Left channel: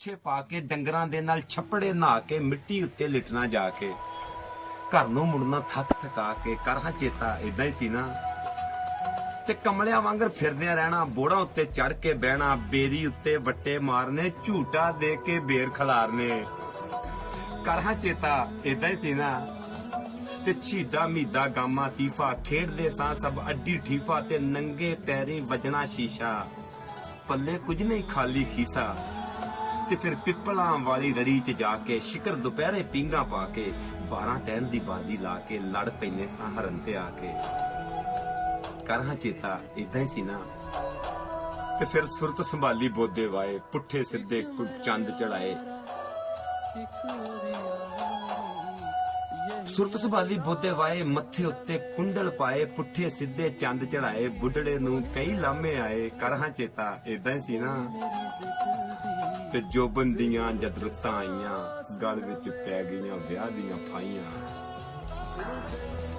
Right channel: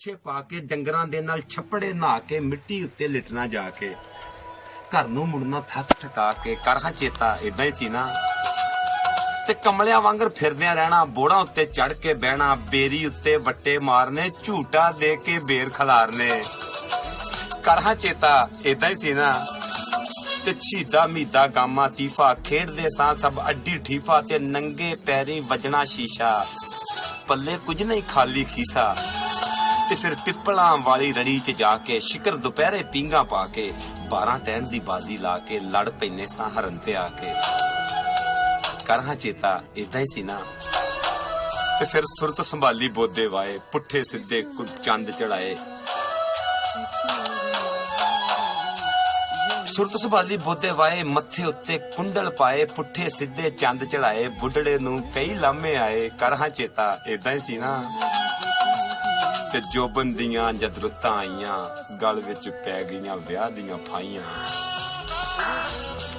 ਕੱਛੇ ਪਾ ਕੇ ਡੰਗਰਾਂ ਦੇ ਨਾਲ ਛੱਪੜੇ ਨਹਾ ਕੇ ਮਿੱਟੀ ਉੱਤੇ ਲਿਟਣਾ ਜਾ ਕੇ ਘਰ ਨੂੰ ਮੁੜਨਾ ਥੱਕ ਥਕਾ ਕੇ ਕਰਹਾਂ ਚੇਤਾ ਇਦਾਂ ਹੀ ਸੀ ਨਾ। ਤੇ ਕਮਲਿਆਂ ਵਾਂਗਰ ਫਿਰਦਿਆਂ ਰਹਿਣਾ, ਬੋੜਾਂ ਉੱਤੇ ਚੜ ਕੇ ਬਹਿਣਾ, ਬੇਰੀ ਉੱਤੇ ਵੱਟੇ ਮਾਰਨੇ, ਝੂਟਾ ਦੇ ਕੇ ਬੇਰ ਖਲਾਰਨੇ। ਕਰਹਾਂ ਚੇਤਾ ਇਦਾਂ ਹੀ ਸੀ ਨਾ। ਤੇ ਛੀਦਾ ਮੀਦਾ ਗਾਮਾ ਤੀਫਾ ਖੇਡਦੇ ਸਾਂ ਸਭ ਅੱਡੀ ਠੀਫਾ ਤੇ ਨੰਗੇ ਪੈਰੀ ਵਜਣਾ ਸ਼ੀਸ਼ਾ, ਪੱਲੇ ਕੁਝ ਨਹੀਂ ਖਾਲੀ ਖੀਸਾ। ਤੇ ਫਿਰ ਪਿੱਪਲਾਂ ਵਾਲੀ ਰੜੀ 'ਚ ਜਾ ਕੇ ਸ਼ਿਕਰ ਦੁਪਹਿਰੇ ਪੀਂਗਾ ਪਾ ਕੇ 12 ਟਹਿਣ ਦੀ ਬਾਜ਼ੀ ਲਾ ਕੇ ਲੜ ਪੈਨੇ ਸਾਂ ਹਰਨ ਤੇ ਆ ਕੇ। ਕਰਹਾਂ ਚੇਤਾ ਇਦਾਂ ਹੀ ਸੀ ਨਾ। ਤੇ ਫਿਰ ਸੁਰਤ ਸੰਭਾਲੀ ਬੋਦੇ ਵਾਏ, ਪੁੱਠੇ ਸਿੱਧੇ ਚੰਦ ਚੜਾਏ। ਸੁਰਤ ਸੰਭਾਲੀ ਬੋਦੇ ਵਾਏ, ਮੱਥੇ ਉੱਤੇ ਕੁੰਡਲ ਪਾਏ, ਪੁੱਠੇ ਸਿੱਧੇ ਚੰਦ ਚੜਾਏ। ਬੁੱਢੜੇ ਨੂੰ ਕਈ ਲਾਮੇ ਆਏ। ਕਰਹਾਂ ਚੇਤਾ ਇਦਾਂ ਹੀ ਸੀ ਨਾ। ਤੇ ਜੋਬਨ ਦੀਆਂ ਜਦ ਰੁੱਤਾਂ ਆਈਆਂ, ਗਲ ਵਿੱਚ ਪੈ ਗਈਆਂ ਵਿਆਹ ਦੀਆਂ ਫਾਈਆਂ।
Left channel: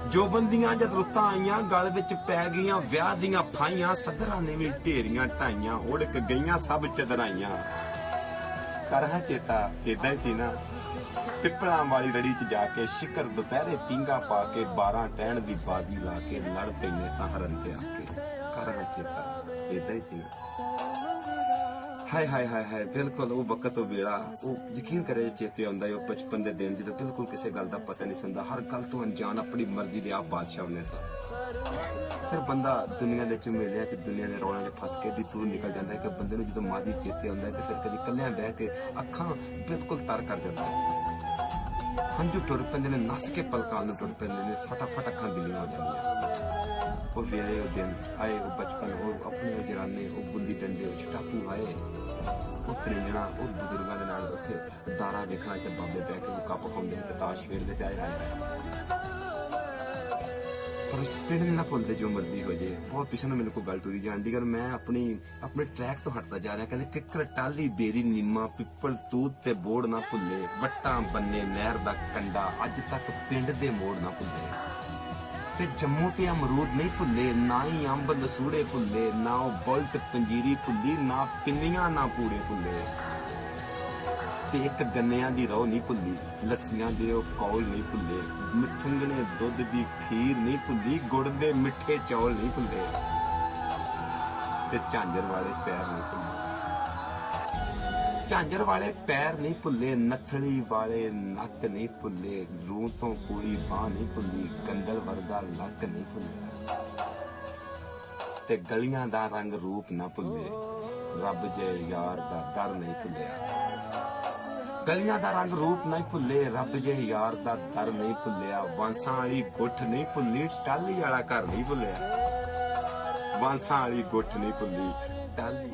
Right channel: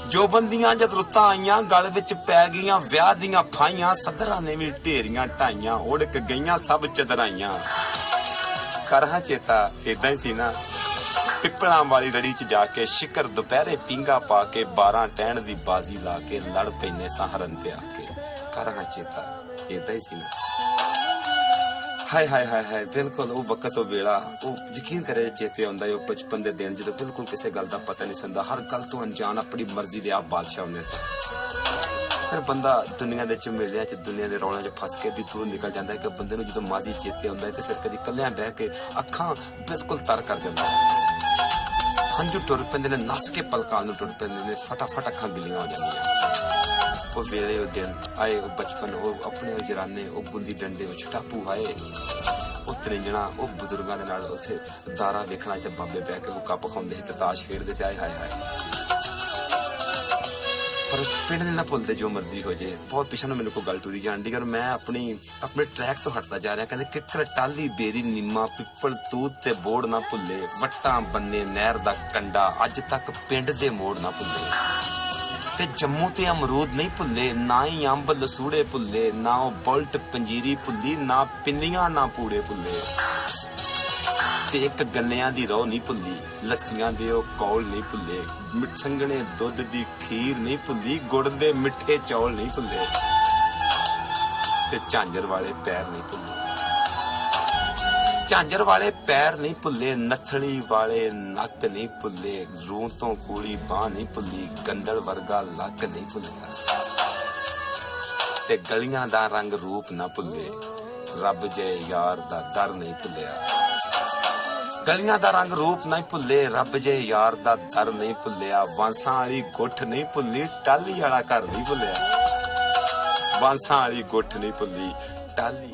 ਜੋਬਨ ਦੀਆਂ ਜਦ ਰੁੱਤਾਂ ਆਈਆਂ, ਗਲ ਵਿੱਚ ਪੈ ਗਈਆਂ ਵਿਆਹ ਦੀਆਂ ਫਾਈਆਂ। ਸੱਧਰਾਂ ਨੇ ਵੀ ਢੇਰੀਆਂ ਢਾਈਆਂ, ਉੜਕ ਗਈਆਂ ਸਭ ਚਦਰਾਈਆਂ। ਕਰਹਾਂ ਚੇਤਾ ਇਦਾਂ ਹੀ ਸੀ ਨਾ। ਪਿੱਪਲਾਂ ਵਾਲੀ ਰੜੀ 'ਚ ਜਾ ਕੇ ਸ਼ਿਕਰ ਦੁਪਹਿਰੇ ਪੀਂਗਾ ਪਾ ਕੇ 12 ਟਹਿਣ ਦੀ ਬਾਜ਼ੀ ਲਾ ਕੇ ਲੜ ਪੈਨੇ ਸਾਂ ਹਰਨ ਤੇ ਆ ਕੇ। ਕਰਹਾਂ ਚੇਤਾ ਇਦਾਂ ਹੀ ਸੀ ਨਾ। ਹਾਏ ਹਾਏ ਹਾਏ ਹਾਏ, ਬਿਲਕੁਲ ਉਹ ਵਕਤ ਉਹ ਵੇਲਾ, ਉਹ ਯਕੀਨ ਕਰੇ ਚੇਤੇ ਆਉਂਦਾ ਹੈ। ਉਹ ਬਚਪਨ ਦੇ ਦਿਨ ਜਦੋਂ ਬਿਲਕੁਲ ਕਿਸੇ ਗੱਲ ਦਾ ਪਤਾ ਨਹੀਂ ਸੰਦਾ, ਹਰ ਗੱਲ ਤੋਂ ਅਣਜਾਣ, ਆਪਣੀ ਮਰਜ਼ੀ ਦੇ ਆਪ ਬਾਦਸ਼ਾਹ ਹੁੰਦੇ ਸਨ। ਫਿਰ ਬੰਦਾ ਦੁਨੀਆ ਦੇ ਝਮੇਲਿਆਂ 'ਚ, ਦੁਨੀਆ ਦੇ ਰੌਲਿਆਂ 'ਚ ਫਸ ਕੇ ਵੀ ਦੂਰ ਨਿਕਲ ਜਾਂਦਾ ਹੈ। ਕਿ ਬੰਦੇ ਨੂੰ ਜਦੋਂ ਮਾਜ਼ੀ ਚੇਤੇ ਆਉਂਦਾ ਹੈ ਤੇ ਫਿਰ ਕਦੀ ਇਕੱਲਿਆਂ ਬਹਿ ਕੇ ਅੱਖਾਂ ਬਿਲਕੁਲ ਤਰ ਕਰ ਦਿੰਦਾ ਹੈ। ਹੰਝੂ ਟੁਰ ਪੈਂਦੇ ਨੇ, ਨੱਸ ਕੇ ਪਲਕਾਂ ਨੂੰ ਟੁਰ ਪੈਂਦੇ ਨੇ, ਫਟਾਫਟ ਅੱਖਾਂ ਗਿੱਲੀਆਂ ਹੋ ਜਾਂਦੀਆਂ। ਉਹ ਵੇਲੇ, ਉਹ ਦਿਨ ਆਏ, ਉਹ ਬਚਪਨ, ਉਹ ਆਪਣੇ ਜਰਾਨੇ, ਉਹ ਗੁੱਲੀ ਡੰਡੇ ਵਿੱਚ ਟਾਪੂ ਆਏ, ਉਹ ਤਰਿੰਜਣਾ, ਉਹ ਬਜ਼ੁਰਗਾਂ ਦੇ ਨਾਲ ਉੱਥੇ ਦਾਰਾ ਵੇਖਣਾ ਤੇ ਬਾਬੇ ਬਹਿ ਕੇ ਉਹ ਕੱਪ ਖਾਂਦੇ ਤੇ ਤਾਸ਼ ਖੇਡਦੇ ਤੇ ਆਏ ਹਾਏ ਹਾਏ। ਪਰ ਪਿੰਡ ਦੇ ਨਾ ਭੁੱਲਦੇ ਜੋ ਮਰਜ਼ੀ ਹੋ ਜੇ। ਬਹੁਤ ਪਿੱਛੇ ਨੂੰ ਮੈਨੂੰ ਕੋਈ ਗੱਲ ਟੁਰੀ ਜਾਂਦੀ, ਪਰ ਮੈਂ ਆਪਣੇ ਟਰੈਕ ਤੋਂ ਹਟਦਾ ਜਾ ਰਿਹਾ। ਕਹਿੰਦੇ ਕਿੱਕਰ ਟਾਲੀ ਬੇਰੀ ਨਿੰਮਾ ਪਿੱਪਲ ਤੂਤ ਤੇ ਬੋੜ ਨਾ ਭੁੱਲੇ, ਵੱਟਾਂ ਬੰਨੇ ਨਹਿਰ ਦਾ ਕੰਡਾ ਅੱਜ ਤੱਕ ਪਿੰਡ ਦੇ ਮੋੜ ਨਾ ਭੁੱਲੇ। ਤੇ ਜੰਮੂ ਤੇ ਅਮਰੂਦ ਨਹੀਂ ਭੁੱਲੇ, ਨਾ ਹੀ ਅੰਬ ਲਸੂੜੇ ਭੁੱਲੇ, ਨਾ ਉਹ ਬੁਲਟ ਪੰਜੀਰੀ ਭੁੱਲੀ, ਨਾ ਪਿੰਨੀਆਂ ਨਾ ਪੂੜੇ ਭੁੱਲੇ। ਤੇ ਇੱਕ ਗੰਨਿਆਂ ਦੀ ਰੋਹ ਨਹੀਂ ਭੁੱਲੀ, ਲੱਸੀਆਂ ਦੇ ਉਹ ਕੌਲ ਨਹੀਂ ਭੁੱਲੇ, ਸੰਘਣੇ ਦੁੱਧ ਦੀ ਖੀਰ ਨਹੀਂ ਭੁੱਲੀ, ਗੁੜ ਦੇ ਮਿੱਠੇ ਚੌਲ ਨਹੀਂ ਭੁੱਲੇ। ਤੇ ਝਾਂਜਰ ਵਾਲੇ ਪੈਰ ਨਹੀਂ ਭੁੱਲੇ, ਝਾਂਜਰ ਵਾਲੇ ਪੈਰ ਨਹੀਂ ਭੁੱਲੇ, ਨੱਥਲੀ ਵਾਲੇ ਨੱਕ ਨਹੀਂ ਭੁੱਲੇ, ਰੂਹ ਤੋਂ ਕੋਲੀ ਬਾਹ ਨਹੀਂ ਭੁੱਲੀ, ਗੰਦਲ ਵਰਗਾ ਲੱਕ ਨਹੀਂ ਭੁੱਲਿਆ। ਤੇ ਗਲੀਆਂ ਦਾ ਰੰਗ ਰੂਪ ਨਾ ਭੁੱਲੇ, ਰੱਬ ਜੇ ਯਾਰ ਦਾ ਦਰ ਨਹੀਂ ਭੁੱਲਿਆ। ਗਲੀਆਂ ਦਾ ਰੰਗ ਰੂਪ ਨਹੀਂ ਭੁੱਲੇ, ਰੱਬ ਜੇ ਯਾਰ ਦਾ ਦਰ ਨਹੀਂ ਭੁੱਲਿਆ। ਵਾਂਸਾਂ ਵਾਲੀ ਗੁੱਠ ਨਹੀਂ ਭੁੱਲੀ, ਟਾਹਲੀ ਵਾਲਾ ਘਰ ਨਹੀਂ ਭੁੱਲਿਆ। ਵਾਂਸਾਂ ਵਾਲੀ ਗੁੱਠ ਨਹੀਂ ਭੁੱਲੀ, ਟਾਹਲੀ